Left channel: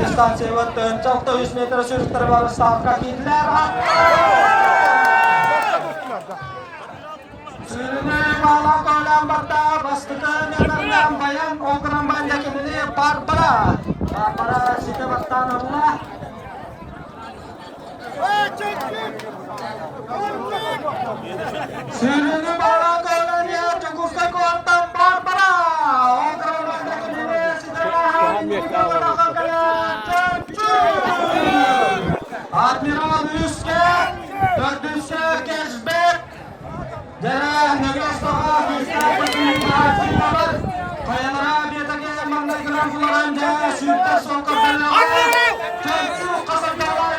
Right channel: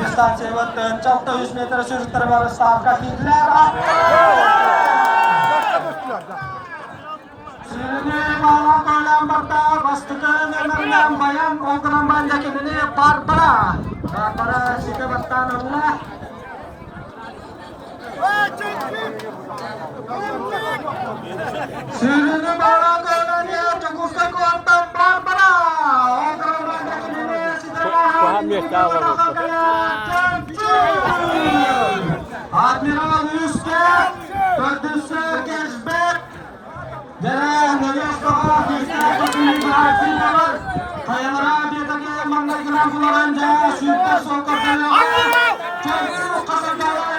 Distansi waktu 400 meter sürüş terbaru sarka kidler. Sürüne bağla koylan bakta bastıkın emerden bayan onkran bandakini Barbara. Barbara sike baktan Allah. Sürüne bağla koylan ya cukusta kuantan Barbara. Onkran bandakini sike Admiral Üske, dördüncü cashback. Jarang Yogyosdagi festivalning bahslari qayalara betagi manday bilan Floranja suyuqda sol qazanadi. Chunki qazanganlar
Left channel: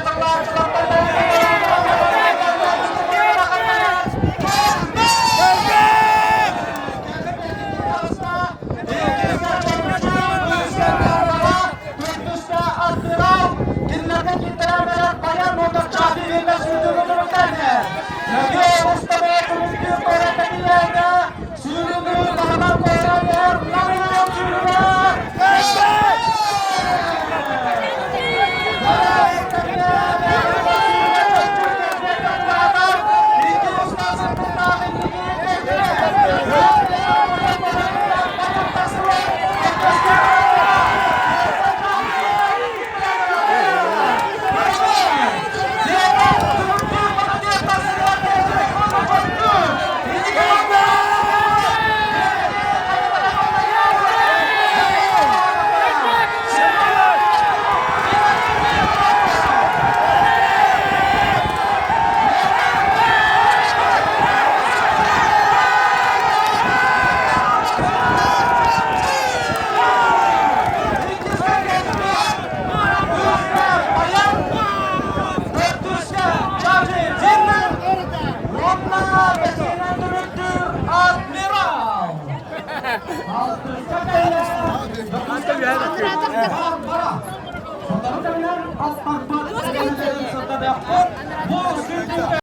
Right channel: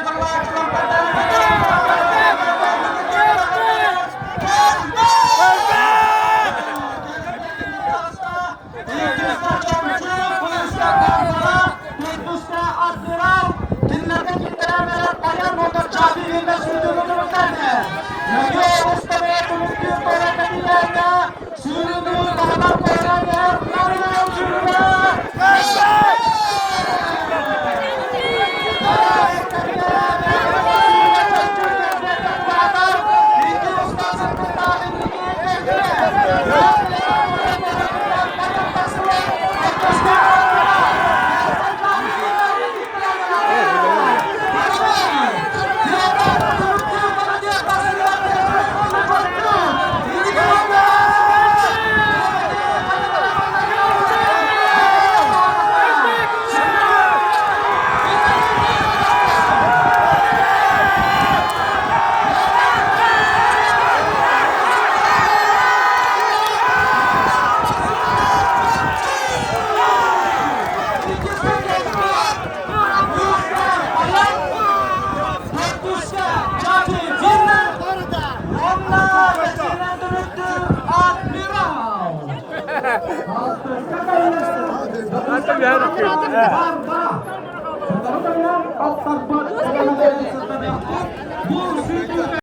Mantap ya.